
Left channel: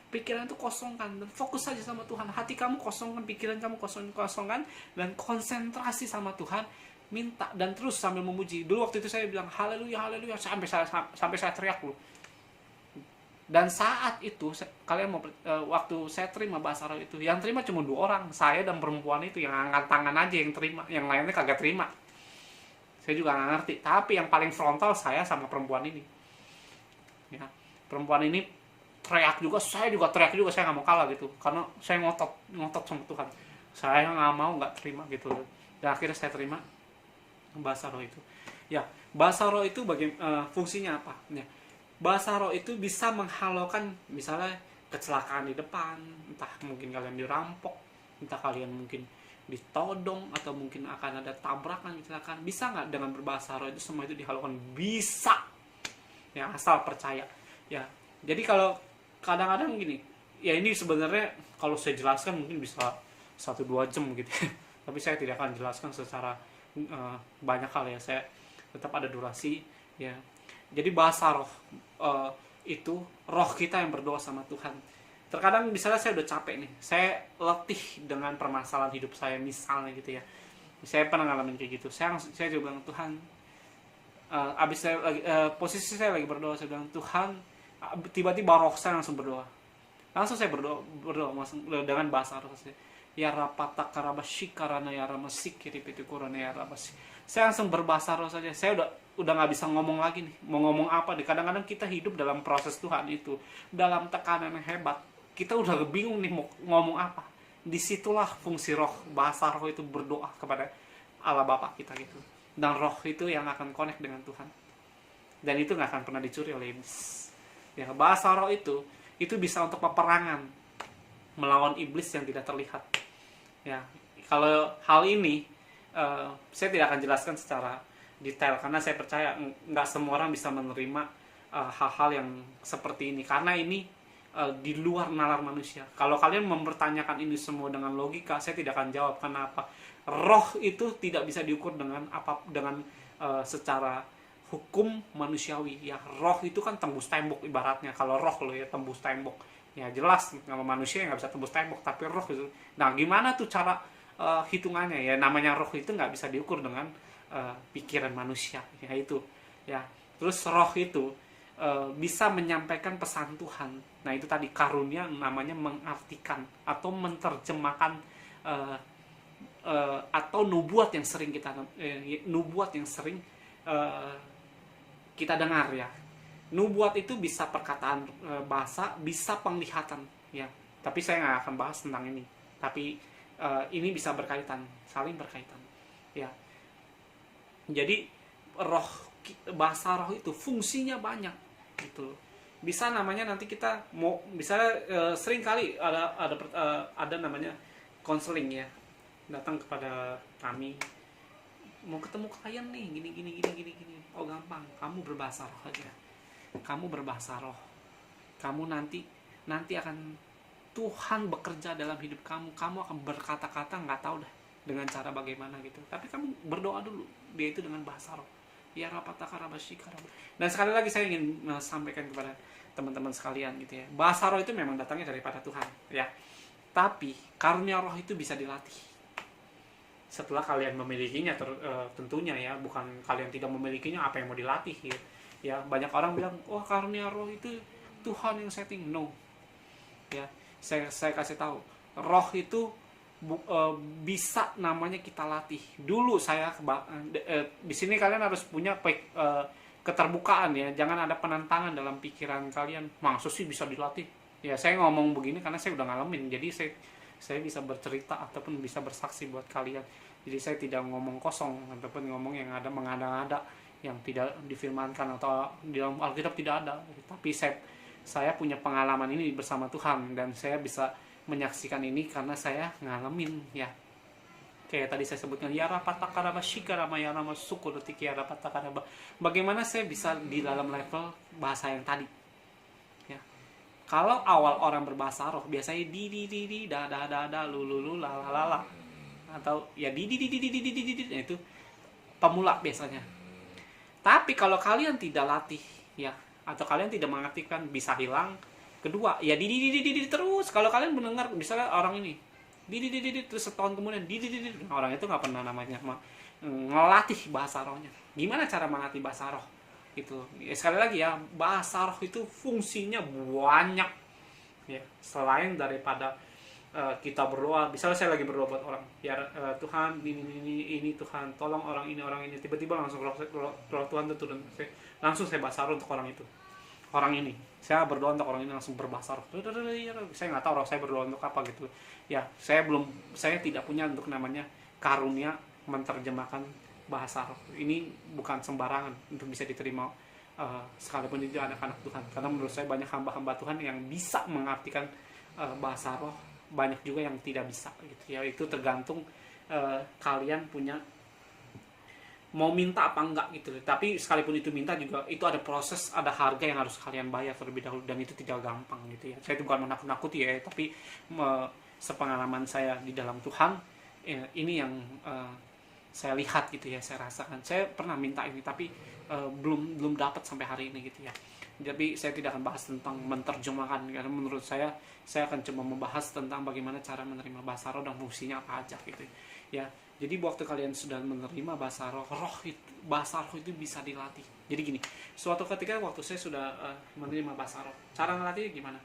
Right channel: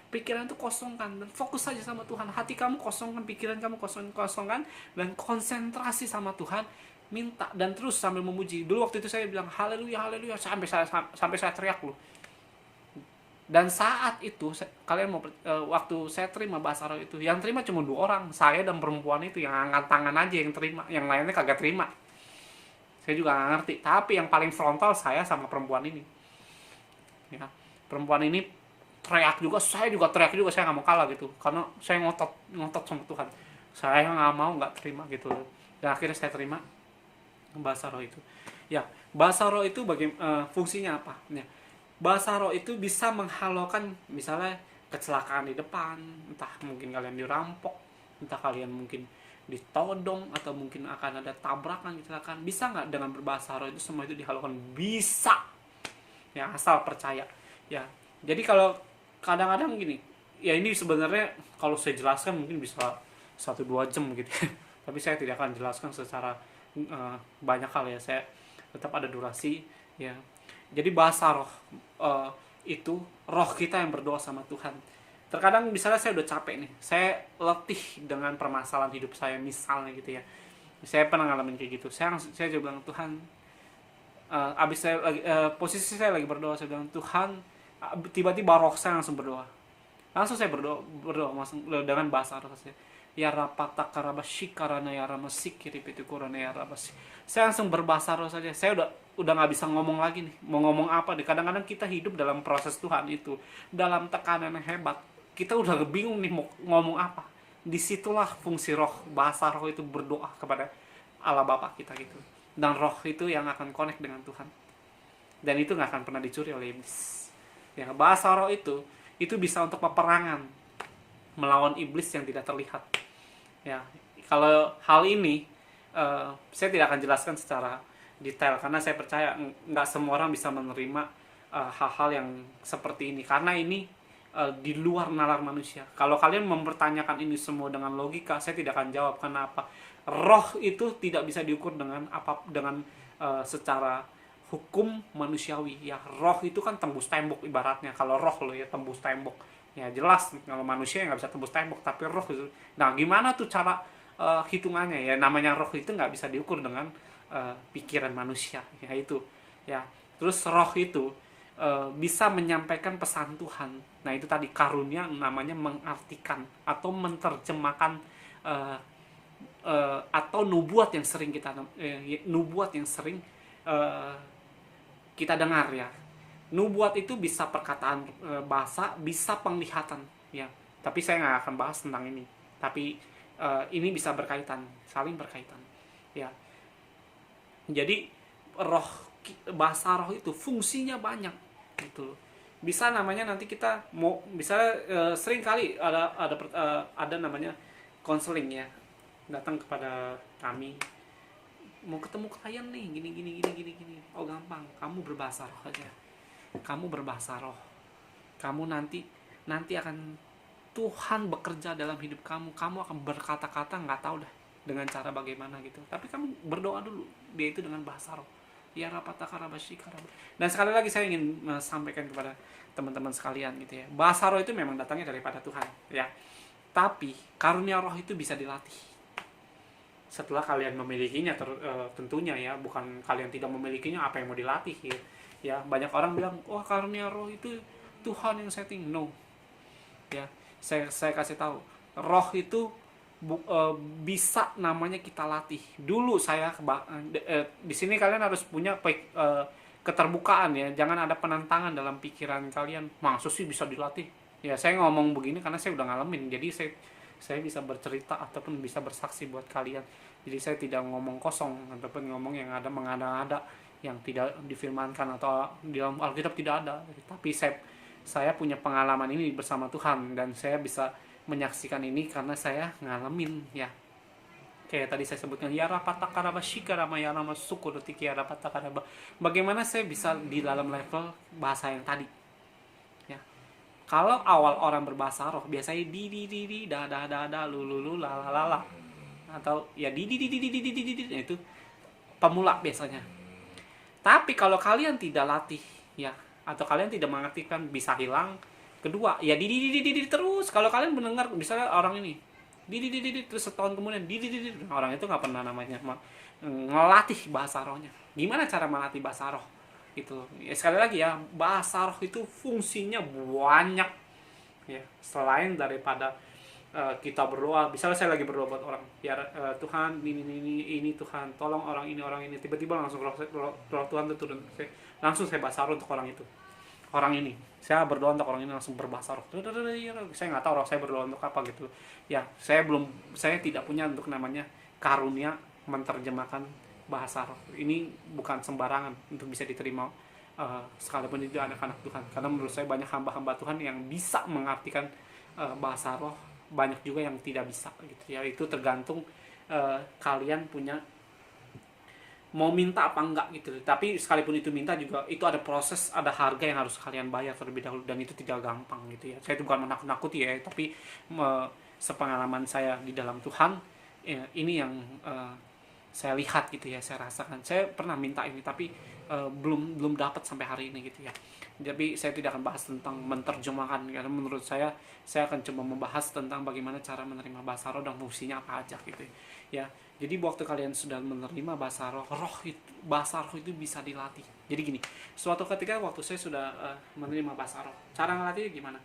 Pikiran itu kosongkan dan fokus saja sama Tuhan. Hati kamu kosongkan, pikiran kamu kosongkan, dan konsentrasi sama Tuhan. Minta dan terus sambil memuji. Dulu waktu itu saya bilang haleluya, haleluya, sampai saya teriak loh. Dan saat itu kalian mau waktu saya terima bahasa roh itu, yang terima cuma 2 orang, saya dan perempuan itu. Yang angkat tangan aja yang terima, yang lainnya kagak terima. Saya juga nggak ngerti. Tapi yang paling frontal saya sama perempuan ini ya. Perempuan ini teriak juga, saya juga teriak juga, saya nggak mau kalah gitu, karena saya ngotot sama Tuhan, saya nggak mau nggak terima gitu. Dan akhirnya saya terima bahasa roh itu ya. Bahasa roh itu fungsinya apa ya? Bahasa roh itu bisa menghalaukan misalnya kecelakaan di depan, entah mungkin kalian dirampok, entah kalian mungkin ditodong, atau mungkin akan ada tabrakan, kecelakaan. Bisa nggak dengan berbahasa roh itu semua itu dihalaukan? Bisa ya, asal percaya ya. Jadi kalau kadang-kadang gini ya, ini sebenarnya kalau saya jelaskan mungkin bisa 1-2 jam gitu tapi saya tidak akan jelaskan secara banyak hal ya, saya tetap ada durasi ya. Jadi bahasa roh itu roh kita yang berdoa sama Tuhan. Terkadang misalnya saya udah capek nih, saya letih dengan permasalahan hidup saya misalnya gitu ya, saya pernah ngalamin kayak gitu. Saya juga bilang Tuhan, abis saya posisi saya lagi berdoa, saya bilang Tuhan, tiba-tiba roh saya langsung berdoa. Langsung saya berdoa langsung dengan bahasa roh saya. Ya rapata karabashi karana ya ramasik kiripitu korana ya rabasi. Saya langsung berbahasa roh saja. Saya udah nggak bisa ngomong lagi nih. Mau ngomong apa nih? Kadang-kadang kita hidup dalam proses Tuhan itu, dalam tekanan yang hebat. Kita udah bingung nih mau ngomong apa. Disitulah fungsi roh, bahasa roh itu berdoa kepada Allah Bapa kita gitu. Dan roh itu yang akan connect dengan Tuhan. Dan itu nggak akan pernah dicuri oleh iblis. Ya, bahasa roh itu bisa untuk peperangan melawan iblis yang tidak terlihat. Ya, kalau hal ini saya tidak akan jelaskan secara detail karena saya percaya nggak semua orang bisa menerima hal-hal yang seperti ini, karena ini di luar nalar manusia. Kalau kalian mempertanyakan ini semua dengan logika, saya tidak akan jawab. Kenapa? Roh itu tidak bisa diukur dengan secara hukum manusiawi ya. Roh itu kan tembus tembok ibaratnya. Kalau roh lo ya tembus tembok Ya jelas kalau manusia nggak bisa tembus tembok, tapi roh itu. Nah gimana tuh cara hitungannya ya? Namanya roh itu nggak bisa diukur dengan pikiran manusia, ya itu. Ya terus roh itu bisa menyampaikan pesan Tuhan. Nah itu tadi karunia, namanya mengartikan atau menerjemahkan atau nubuat yang sering uh, kita dengar ya. Nubuat itu bisa perkataan bahasa, bisa penglihatan ya. Tapi saya nggak akan bahas tentang ini. Tapi ini bisa berkaitan, saling berkaitan ya. Jadi roh, bahasa roh itu fungsinya banyak gitu. Bisa namanya nanti kita mau bisa sering kali ada namanya konseling ya, datang kepada kami, mau ketemu klien nih, gini. Oh gampang, kamu berbahasa roh aja. Kamu berbahasa roh. Kamu nanti akan Tuhan bekerja dalam hidup kamu. Kamu akan berkata-kata nggak tahu dah dengan cara bagaimana gitu. Tapi kamu berdoa dulu, dia itu dengan bahasa roh. Ya rapatakarabashika. Dan sekali lagi saya ingin sampaikan kepada teman-teman sekalian gitu ya. Bahasa roh itu memang datangnya daripada Tuhan ya. Tapi karunia roh itu bisa dilatih. Setelah kalian memilikinya tentunya ya, bukan kalian tidak memilikinya apa yang mau dilatih gitu. Ya, banyak orang bilang, "Oh, karunia roh itu Tuhan yang setting." No. Ya, saya kasih tahu, roh itu bisa namanya kita latih. Dulu saya di sini kalian harus punya keterbukaan ya. Jangan ada penentangan dalam pikiran kalian. Maksud sih bisa dilatih? Ya, saya ngomong begini karena saya udah ngalamin. Jadi saya bisa bercerita ataupun bisa bersaksi buat kalian. Jadi saya tidak ngomong kosong ataupun ngomong yang ada mengada-ngada, yang tidak difirmankan atau di dalam Alkitab tidak ada. Tapi saya punya pengalaman ini bersama Tuhan, dan saya bisa menyaksikan ini karena saya ngalamin ya. Kayak tadi saya sebutkan ya rapatakaraba shikarama ya nama suku detik ya rapatakaraba. Bagaimana saya bisa di dalam level bahasa yang tadi? Ya. Kalau awal orang berbahasa roh biasanya di da lu la la la, atau ya di itu pemula biasanya. Tapi kalau kalian tidak latih ya, atau kalian tidak mengartikan, bisa hilang. Kedua ya di terus. Kalau kalian mendengar misalnya orang ini di terus setahun kemudian di orang itu nggak pernah namanya ngelatih bahasa rohnya. Gimana cara melatih bahasa roh gitu ya? Sekali lagi ya, bahasa roh itu fungsinya banyak ya, selain daripada kita berdoa. Misalnya saya lagi berdoa buat orang ya, Tuhan ini Tuhan tolong orang ini, tiba-tiba langsung roh Tuhan itu turun, langsung saya bahasa roh untuk orang itu, orang ini. Saya berdoa untuk orang ini langsung berbahasa roh. Saya nggak tahu roh saya berdoa untuk apa gitu ya. Saya tidak punya untuk namanya karunia menerjemahkan bahasa roh. Ini bukan sembarangan untuk bisa diterima sekalipun itu anak-anak Tuhan, karena menurut saya banyak hamba-hamba Tuhan yang bisa mengartikan bahasa roh, banyak juga yang tidak bisa gitu ya. Itu tergantung kalian punya mau minta apa enggak gitu. Tapi sekalipun itu minta juga, itu ada proses, ada harga yang harus kalian bayar terlebih dahulu, dan itu tidak gampang gitu ya. Saya itu bukan menakut-nakuti ya, tapi sepengalaman saya di dalam Tuhan ya, ini yang saya lihat gitu ya, saya rasakan. Saya pernah minta ini tapi belum dapat sampai hari ini gitu ya. Jadi saya tidak akan bahas tentang menerjemahkan, karena menurut saya akan coba membahas tentang bagaimana cara menerima bahasa roh dan fungsinya apa aja gitu ya. Jadi waktu kalian sudah menerima bahasa roh bahasa roh itu bisa dilatih. Jadi gini, suatu ketika waktu saya sudah menerima bahasa roh, cara ngelatihnya gimana?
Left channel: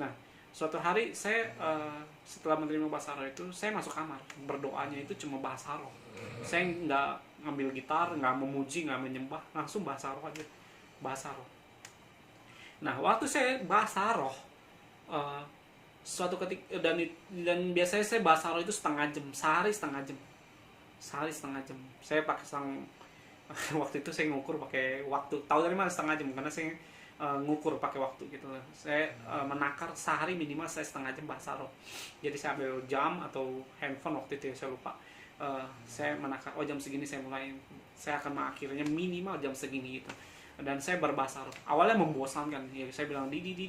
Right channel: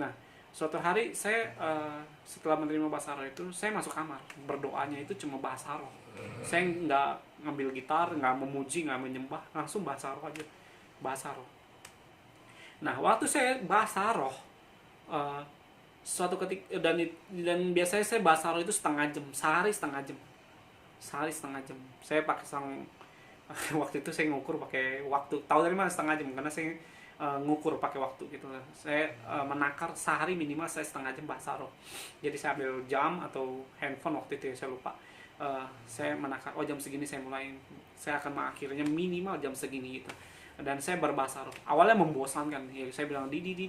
Nah, suatu hari saya setelah menerima bahasa roh itu, saya masuk kamar, berdoanya itu cuma bahasa roh. Saya nggak ngambil gitar, nggak memuji, nggak menyembah, langsung bahasa roh aja, bahasa roh. Nah, waktu saya bahasa roh, suatu ketika, dan biasanya saya bahasa roh itu setengah jam, sehari setengah jam. Saya pakai waktu itu saya ngukur pakai waktu. Tahu dari mana setengah jam? Karena saya ngukur pakai waktu gitu. Saya menakar sehari minimal saya setengah jam bahasa roh. Jadi saya ambil jam atau handphone waktu itu ya, saya lupa. Saya menakar, jam segini saya mulai. Saya akan mengakhirinya minimal jam segini gitu. Dan saya berbahasa roh. Awalnya membosankan, ya saya bilang gitu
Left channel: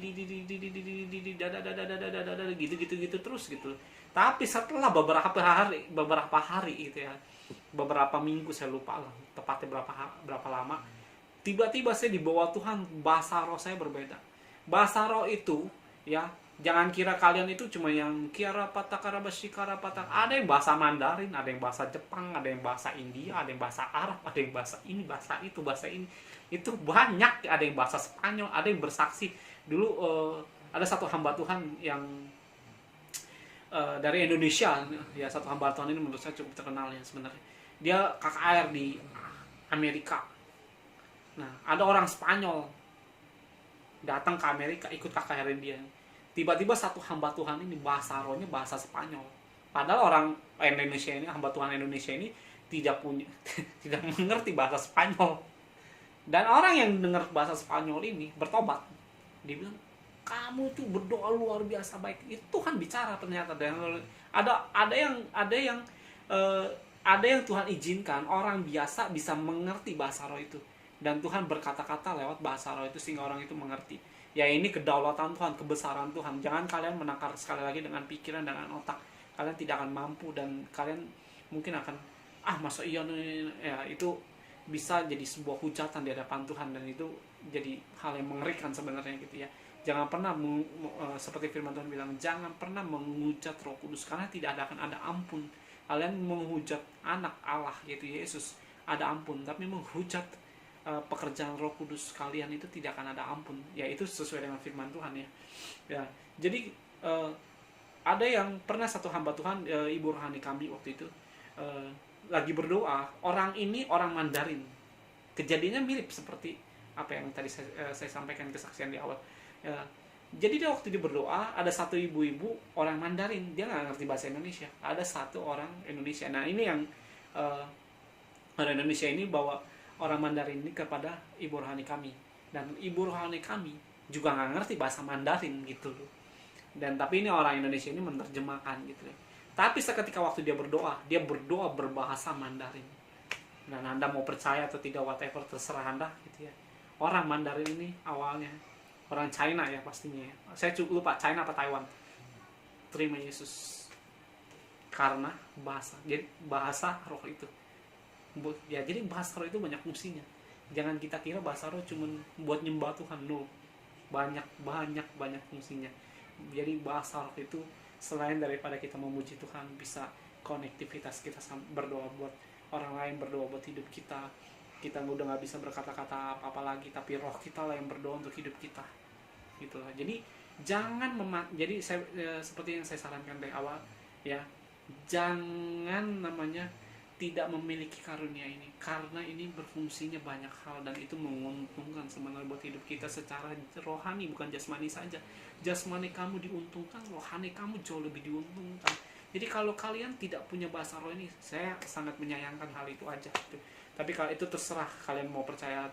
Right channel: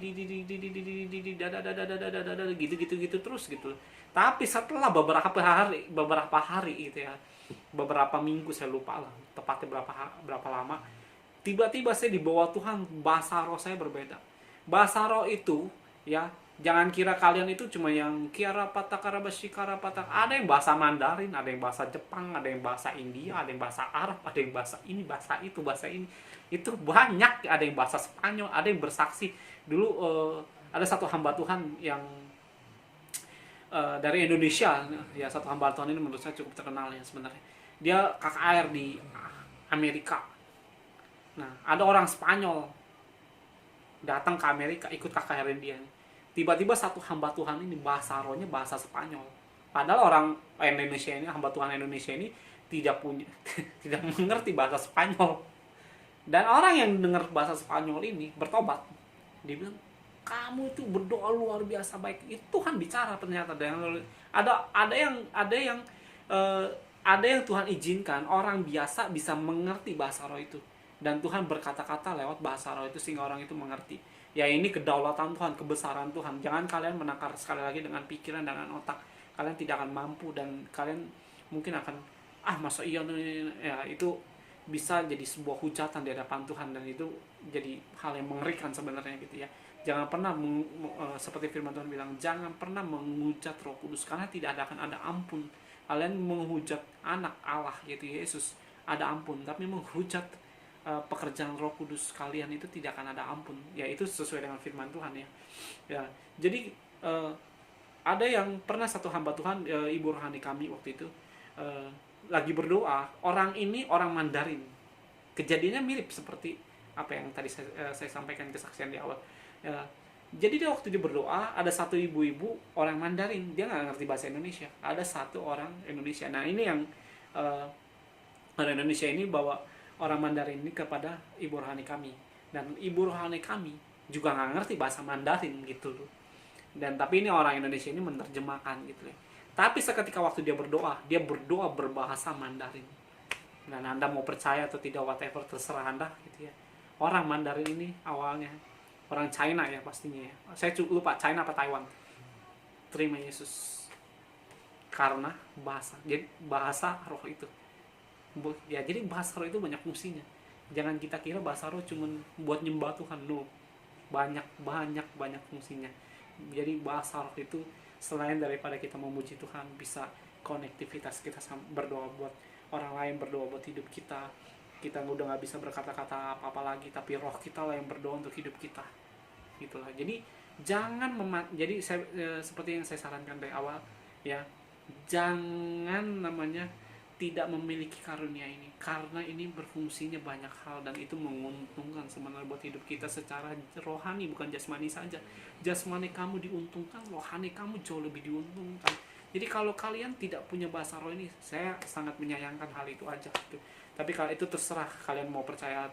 terus gitu. Tapi setelah beberapa hari gitu ya, beberapa minggu saya lupa lah tepatnya berapa lama, tiba-tiba saya dibawa Tuhan, bahasa roh saya berbeda. Bahasa roh itu ya Jangan kira kalian itu cuma yang kiara patakara basikara patak. Ada yang bahasa Mandarin, ada yang bahasa Jepang, ada yang bahasa India, ada yang bahasa Arab, ada yang bahasa ini, bahasa itu, bahasa ini. Itu banyak. Ada yang bahasa Spanyol, ada yang bersaksi. Dulu ada satu hamba Tuhan yang dari Indonesia. Ya, satu hamba Tuhan ini menurut saya cukup terkenal ya sebenarnya. Dia KKR di Amerika. Nah, ada orang Spanyol datang ke Amerika ikut KKR dia. Tiba-tiba satu hamba Tuhan ini bahasa rohnya bahasa Spanyol. Padahal orang Indonesia ini, hamba Tuhan Indonesia ini tidak punya tidak mengerti bahasa Spanyol. Dan orang yang dengar bahasa Spanyol ini bertobat. Dia bilang, "Kamu itu berdoa luar biasa baik." Itu Tuhan bicara ternyata. Dan ada yang Tuhan izinkan orang biasa bisa mengerti bahasa roh itu. Dan Tuhan berkata-kata lewat bahasa roh itu sehingga orang itu mengerti. Ya, ini kedaulatan Tuhan, kebesaran Tuhan. Jangan kalian menakar sekali lagi dengan pikiran, dengan otak. Kalian tidak akan mampu dan kalian mungkin akan, masa iya nih. Ya, itu bisa jadi sebuah hujatan di hadapan Tuhan dan itu jadi hal yang mengerikan sebenarnya gitu ya. Jangan pernah seperti firman Tuhan bilang, jangan pernah menghujat Roh Kudus karena tidak akan ada ampun. Kalian menghujat anak Allah gitu Yesus, ada ampun, tapi menghujat pekerjaan Roh Kudus kalian itu tidak akan ada ampun. Ya, itu sesuai dengan firman Tuhan ya. Ya, jadi ada yang pernah satu hamba Tuhan, ibu rohani kami waktu itu lagi berdoa. Orang ini orang Mandarin. Kejadiannya mirip seperti apa yang tadi saya sampaikan kesaksian di awal. Ya, jadi dia waktu dia berdoa, ada satu ibu-ibu orang Mandarin, dia nggak ngerti bahasa Indonesia. Ada satu orang Indonesia. Nah, ini yang orang Indonesia ini bawa orang Mandarin ini kepada ibu rohani kami, dan ibu rohani kami juga nggak ngerti bahasa Mandarin gitu loh. Dan tapi ini orang Indonesia ini menerjemahkan gitu ya. Tapi seketika waktu dia berdoa berbahasa Mandarin. Dan Anda mau percaya atau tidak, whatever, terserah Anda gitu ya. Orang Mandarin ini awalnya orang China ya pastinya ya. Saya lupa China apa Taiwan. Terima Yesus karena bahasa. Jadi bahasa roh itu. Ya, jadi bahasa roh itu banyak fungsinya. Jangan kita kira bahasa roh cuma buat nyembah Tuhan. No. Banyak fungsinya. Jadi bahasa roh itu selain daripada kita memuji Tuhan, bisa konektivitas kita berdoa buat orang lain, berdoa buat hidup kita. Kita udah nggak bisa berkata-kata apa-apa lagi, tapi roh kita lah yang berdoa untuk hidup kita. Gitulah. Jadi jangan jadi seperti yang saya sarankan dari awal ya, jangan tidak memiliki karunia ini, karena ini berfungsinya banyak hal dan itu menguntungkan sebenarnya buat hidup kita secara rohani, bukan jasmani saja. Jasmani kamu diuntungkan, rohani kamu jauh lebih diuntungkan. Jadi kalau kalian tidak punya bahasa roh ini, saya sangat menyayangkan hal itu aja gitu. Tapi kalau itu terserah kalian mau percaya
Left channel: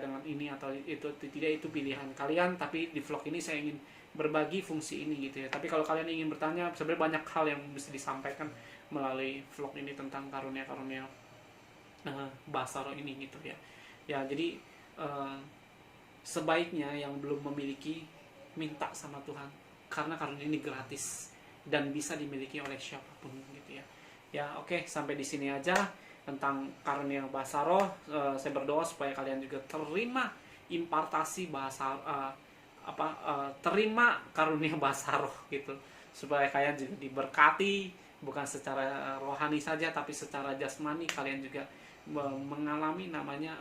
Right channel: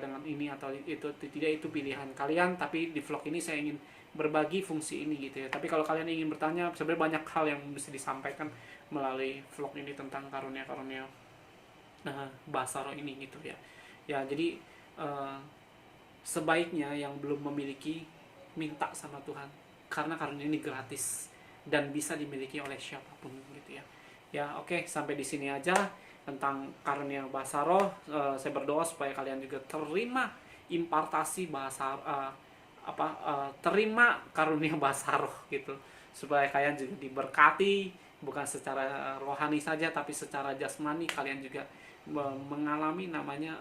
dengan ini atau itu tidak, itu pilihan kalian. Tapi di vlog ini saya ingin berbagi fungsi ini gitu ya. Tapi kalau kalian ingin bertanya, sebenarnya banyak hal yang bisa disampaikan melalui vlog ini tentang karunia-karunia bahasa roh ini gitu ya. Ya, jadi sebaiknya yang belum memiliki, minta sama Tuhan, karena karunia ini gratis dan bisa dimiliki oleh siapapun gitu ya. Ya, oke, sampai di sini aja tentang karunia bahasa roh. Saya berdoa supaya kalian juga terima impartasi bahasa terima karunia bahasa roh gitu, supaya kalian juga diberkati, bukan secara rohani saja tapi secara jasmani. Kalian juga mengalami namanya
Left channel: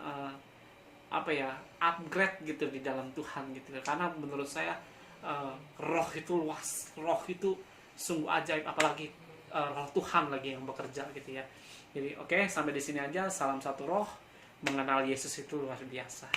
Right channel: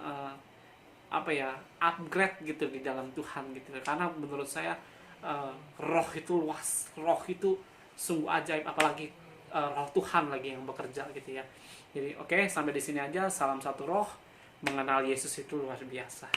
upgrade gitu di dalam Tuhan gitu. Karena menurut saya roh itu luas, roh itu sungguh ajaib, apalagi roh Tuhan lagi yang bekerja gitu ya. Jadi oke, sampai di sini aja. Salam satu roh, mengenal Yesus itu luar biasa.